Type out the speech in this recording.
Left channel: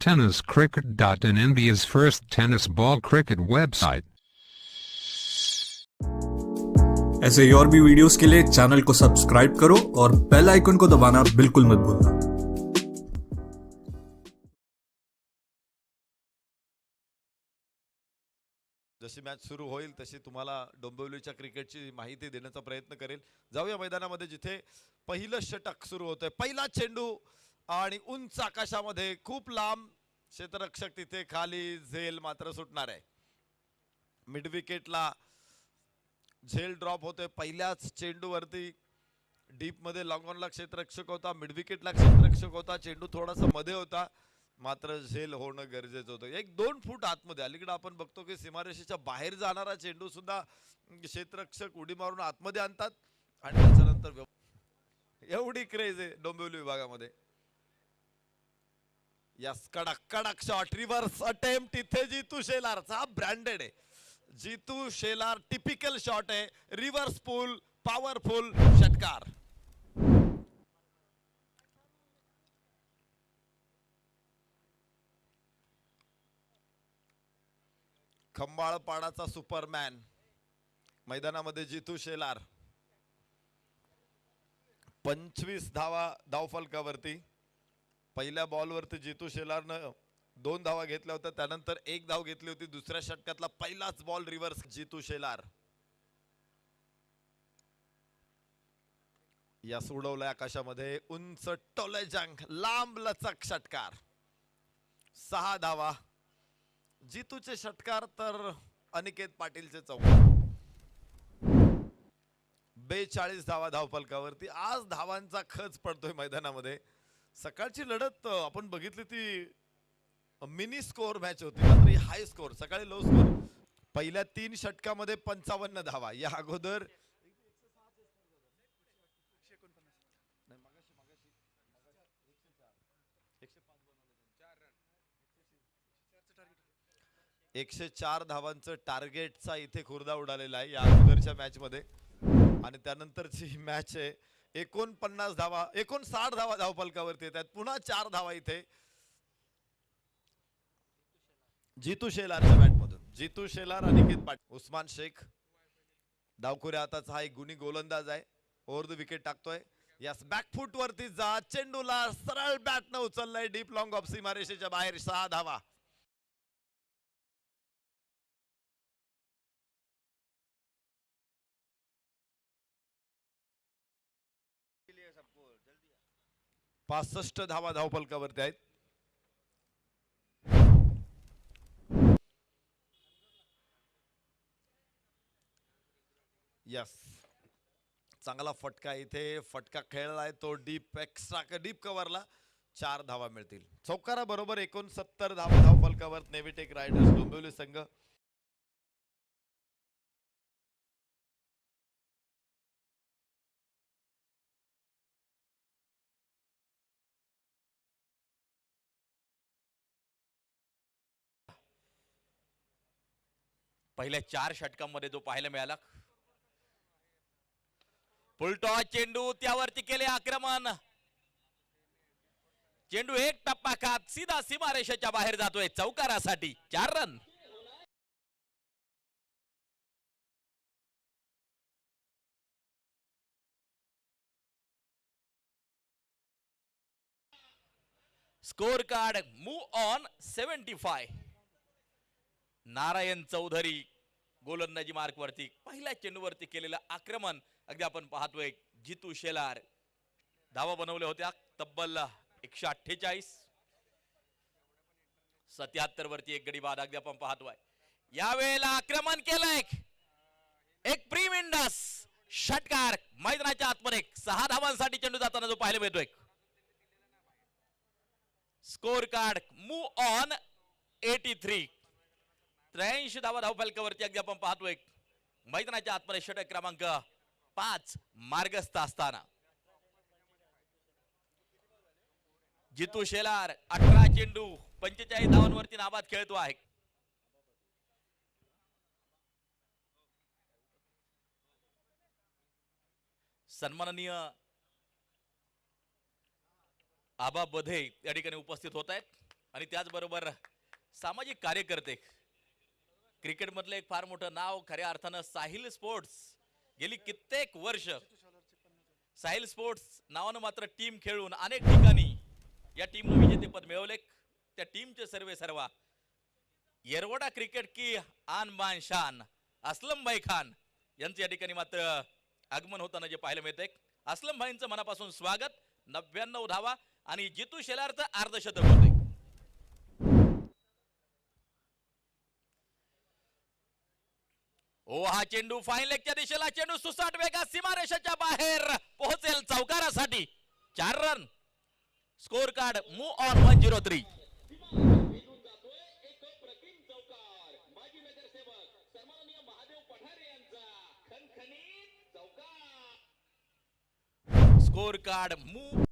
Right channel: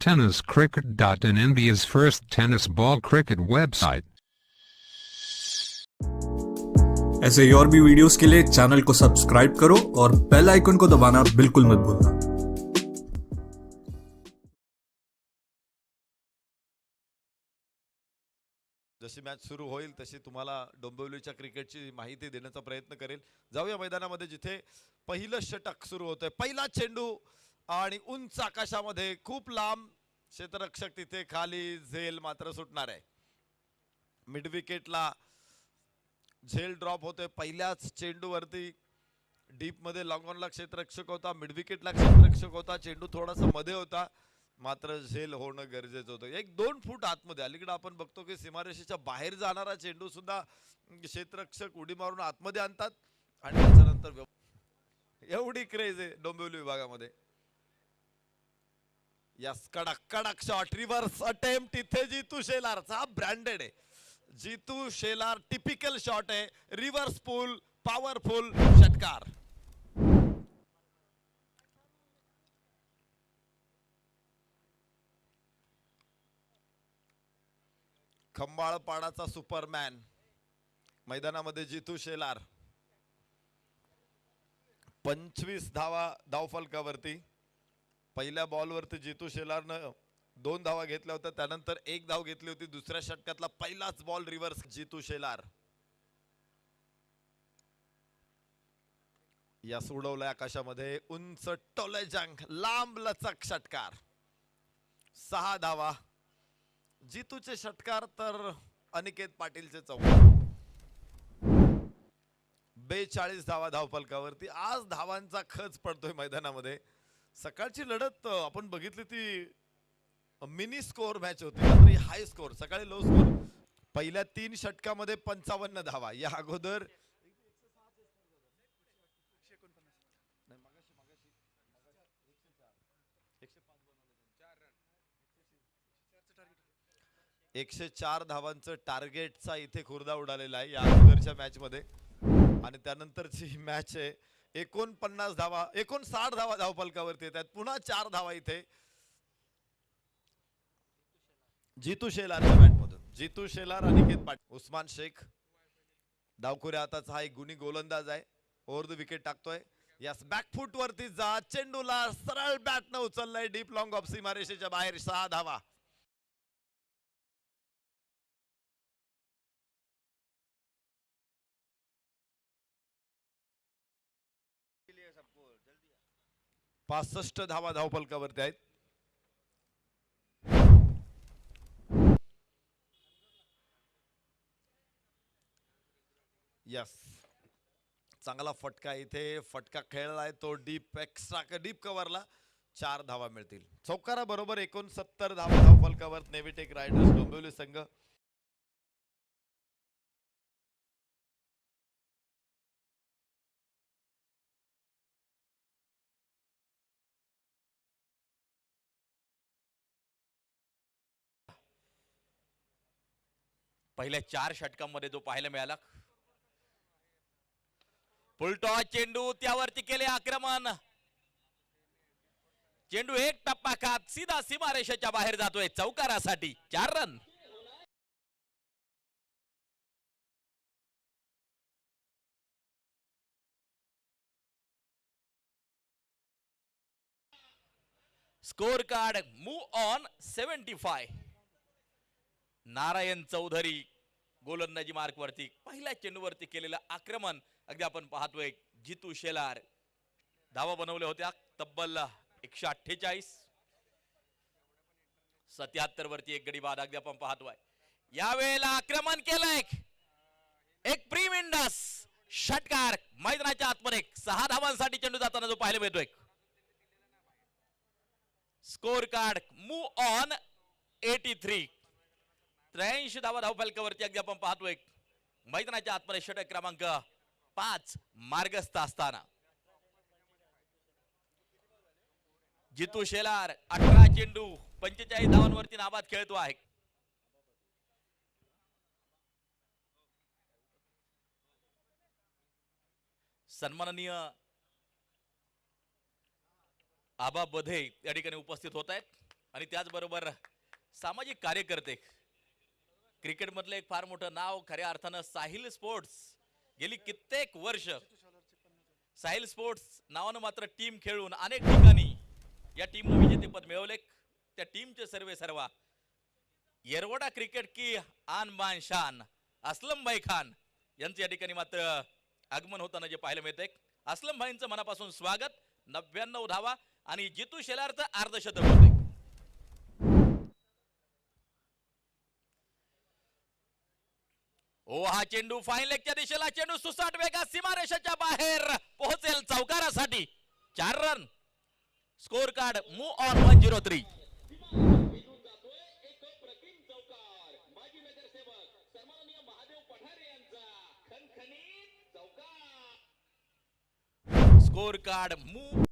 tenniscricket.in, India's first tennis ball cricket website. ऐसे ही और भी वीडियोस के लिए चैनल को सब्सक्राइब करो और बेल आइकन को दबाना बिल्कुल मत भूलना। जशी मॅच सुरू होईल तशी तुम्हाला डोंबिवलीच्या क्रिकेटची माहिती देण्याचा प्रयत्न करेल। जाऊया मैदानामध्ये जिथे पहिलं षटक सुरू होतंय, पहिला चेंडू आणि उंच आकाशामध्ये खूप लांब क्षेत्ररक्षक तिथे खाली झेल मात्र सुटणार आहे। मिड विकेटला झेल ड्रॉप होते, पहिल्याच चेंडूवरती डीप मध्ये लॉंग ऑनला क्षेत्ररक्षक होता, मिड विकेटला क्षेत्ररक्षक होता, चेंडू थोडासा मध्ये होता, मात्र झेल होणं गरजेचं होतं। 1-2 फूट आतमध्ये अलीकडे आपण बघतो की सीमारेषेच्या बाहेर जाणारा चेंडू सुद्धा क्षेत्ररक्षक उडी मारून आतमध्ये आणतात आणि त्याच्यानंतर एवढी क्रेज आहे डोंबिवली विभागामध्ये। यस, कडक कडक शॉट, रिव्हर्स अटेम्प्ट इथे जितू शेलारचा ब्रँडेड आहे। जितू शेलार टिपिकल शॉट आहे, रिव्हर्स पुल, पॉवरफुल षटकार। खंबाळपाडाचा सुपरमॅन मैदानामध्ये जितू शेलार 25 धावा धावफलकावरती। पहिल्या बॉलवरती जितू शेलारनं 2 धावा घेतल्या होत्या, त्यानंतर 1 धाव घेतली होती। दुसऱ्या षटकातला पहिलाच बॉल रिव्हर्स जितू शेलार या उडवलाय आकाशामध्ये, उंच टोले जंग, लांब लचक षटकार, 6 धावा। जितूचे षटकार तर अनिकेत पाटीलचे 42 धावा धावफलकावरती। आज धावांचा खच पडतोय मैदानामध्ये। सकाळची लढत आपण बघितली ती मिनी स्कोर मॅच होती, मात्र हाय स्कोर, सकाळी लो स्कोर। पहिल्या 3 षटकामध्ये 55 धावा, या अगोदर एकशे 4 धावांचं टार्गेटचा इथे खुर्दा उडालेला आहे या अगोदरच्या मॅच मध्ये। आणि त्यानंतरची मॅच आहे 49 धावा, 59 धावा धावफलकावरती येतात, पुन्हा 4 धावा इथे जितू शेलारच्या बॅट मधून। जितू शेलार, अनिकेत पाटील, उस्मान शेख डावखुऱ्या हाताचा हा एक गुणी गोलंदाज आहे, ओव्हर द विकेट टाकतोय। यस, बॅकफूट वरती जा, चेंडूला सरळ बॅट न उचललाय डीप लॉंग ऑफ सीमारेषेच्या बाहेर, 6 धावा। पाच 65 धावा धावफलकावरती आहेत। यस, चांगला फटका इथे, फटका खेळलाय तो डीप एक्स्ट्रा डीप कव्हरला, 4 धावा मिळतील। चौकारा बरोबर 69 धावा धावफलकावर नेव्हिटेक रायडर्स डोंबिवली संघ। पहिल्या 4 षटकांमध्ये जो पाहायला मिळाला, फुलटॉस चेंडू, त्यावरती केले आक्रमण, चेंडू एक टप्पा खात सीधा सीमारेषेच्या बाहेर जातोय, चौकारासाठी 4 रन। Score card move on 75। Narayan Chaudhary गोलंदाजी मार्क वरती पहिल्या चेंडूवरती केलेलं आक्रमण अगदी आपण पाहतोय। जितू शेलार धावा बनवल्या होत्या तब्बल 148, 77 वरती एक गडी बाद अगदी आपण पाहतोय। यावेळेला आक्रमण केलंय, एक प्रीमिंडस षटकार मैदानाच्या आतमध्ये, 6 धावांसाठी चेंडू जाताना जो पाहायला मिळतोय। स्कोर कार्ड मूव ऑन 83, 83 धावा धावफलकावरती अगदी आपण पाहतोय। मैदानाच्या आतमध्ये षटक क्रमांक 5 मार्गस्थ असताना जितू शेलार 18 चेंडू 45 धावांवरती नाबाद खेळतो आहे। सन्माननीय आबा बधे या ठिकाणी उपस्थित होत आहेत। आणि त्याचबरोबर सामाजिक कार्यकर्ते, क्रिकेट मधलं एक फार मोठं नाव खऱ्या अर्थानं साहिल स्पोर्ट्स. गेली कित्येक वर्ष साहिल स्पोर्ट्स नावानं मात्र टीम खेळून अनेक ठिकाणी या टीमनं विजेतेपद मिळवले. त्या टीमचे सर्वा येरवडा क्रिकेट की आन बान शान असलम भाई खान यांचं या ठिकाणी मात्र आगमन होताना जे पाहायला मिळतंय. असलम भाईंचं मनापासून स्वागत. 99 धावा आणि जितू शेलारचं अर्धशतक होते. ओ हा चेंडू फाईन लेगच्या दिशेला, चेंडू सुसाट वेगात सीमारेषेच्या बाहेर पोहोचेल चौकारासाठी. 4 रन. Score card move on 103. Score card move